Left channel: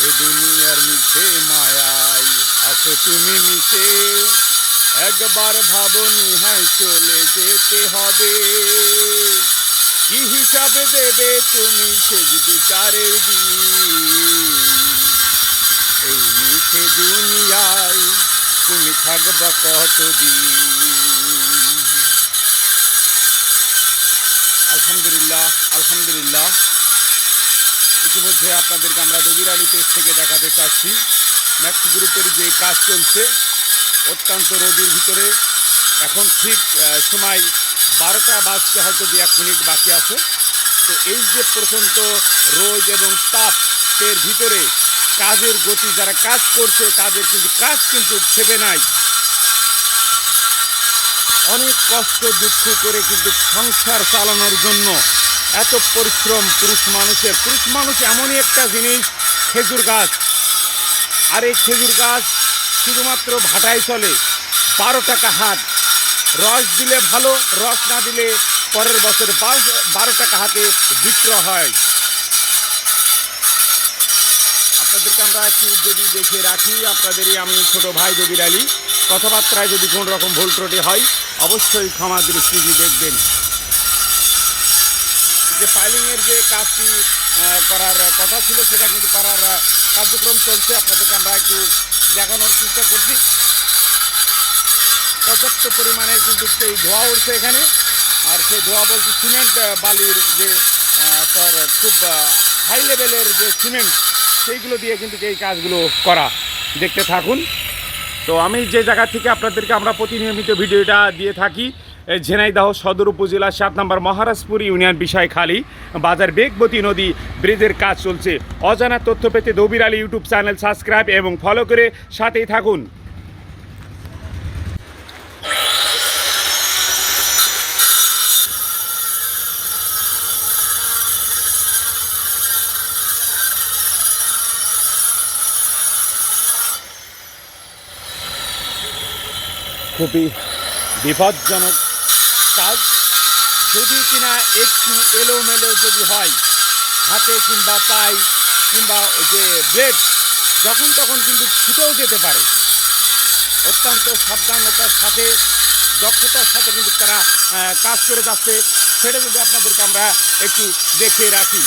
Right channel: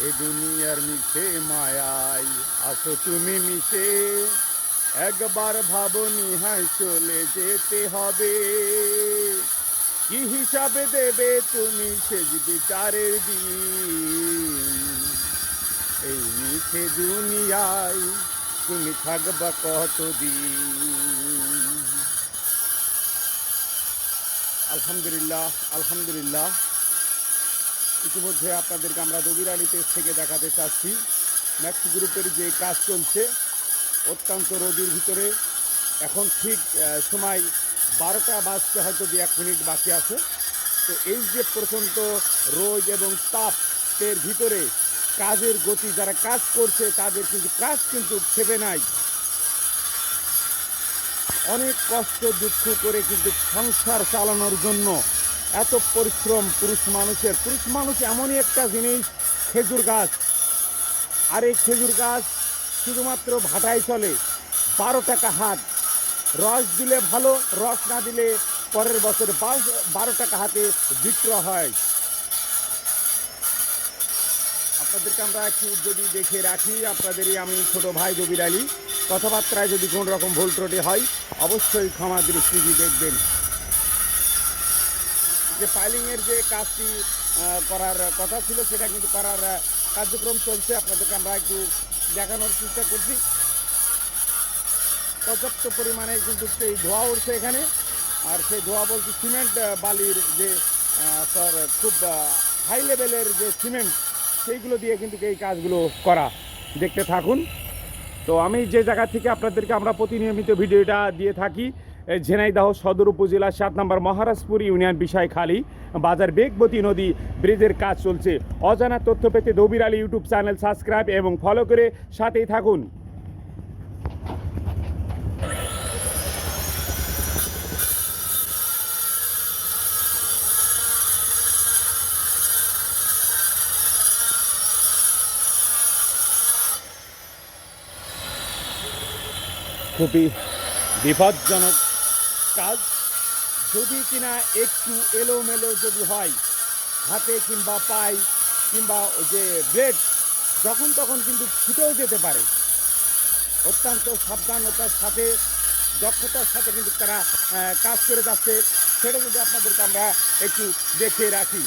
এ দুনিয়ার মিশে মায়াই আসো তুমি মিশে। একবার ভাবনি হ্যাঁ চলে যেতে হবে। কি হিসাবে দেবে তুমি সেজ বিচারের দিন? এই মিশে দুনিয়ায় তুমি থাকবা কতদিন? আলহামদুলিল্লাহ আলহামদুলিল্লাহ। ইতিমধ্যে আপনাদেরকে আমরা দবির আলী পেজ থেকে দেখাতে চাচ্ছি। ম্যাক্স গ্রুপের যে কাজ চলছে, অত্যন্ত রোদির ভিতরে। এখন ঠিক সময় বারোটা বাজতে হয়তো দু এক মিনিট বাকি আছে। তো এই যে প্রচণ্ড রোদ এবং তাপের ভিতরে কাজের গতি, যারা কাজ করছে, তাদের কিন্তু কাজ কিন্তু ছেপে নাই। অনেক কষ্ট, দুঃখ করে কিন্তু সংসার চালানোর জন্য এত পরিশ্রম পুরুষ মানুষের। পুরুষ মানুষ এমনই একটা জিনিস, খেজুর গাছ। আর এই খেজুর গাছ শুধুমাত্র ভাটায় চলে, বারো টাকা হাত রস দিলে ভালো, রস না দিলে পরের বছর বারো- টাকা হাতে বিক্রয় হয়। আপনাদেরকে আমরা একটু যদি দেখে রাখি, আপনাদেরই আমি ছোট ভাই জবির আলী। কথাবার্তায় যদি কোনো রকম ভুল ত্রুটি হয়, অবশ্যই ক্ষমা দৃষ্টি দেখবেন। যে ফাইলিংয়ের যে কাজটি করার কথা ছিল, সেটা কিন্তু করার কার্যক্রম চলছে। আপনাদেরকে আমরা একটু দেখানোর চেষ্টা করছি। পর্যাপ্ত পরিমাণে কিন্তু সেই ধোয়া উঠছে এখানে। আর সেই ধোয়া বলতে সিমেন্ট বালির যে তার খুব হাই লেভেলের যে সিমেন্ট সেইগুলো দিয়ে কিন্তু এই কাজগুলো করা। দেখতে থাকুন। তো আমি যে জায়গা থেকে আপনাদেরকে আমরা প্রতিনিয়মিত ভিডিওটা দিয়ে থাকি ঝিনাইদহ সদর উপজেলা সাত নম্বর মহারাজপুর ইউনিয়ন বিষয়খালী, বাজার বেগবতী নদী ব্রিজের কাজ চলছে। অজানা তথ্য পেতে Dabir Ali YouTube channel subscribe এবং ফলো করে সাথেই থাকুন। খুবই বিপজ্জনক কাজ। যদি কিনা একটু এলোমেলো যদি হয়, হাতে কিংবা পাই কিংবা যে ব্লেড যখন তখন কিন্তু ছুটেও যেতে পারে। অত্যন্ত সাবধানতার সাথে, দক্ষতার সাথে কিন্তু তারা কাজ করে যাচ্ছে। সেটা যদি আপনাদেরকে আমরা একটু দেখে রাখি।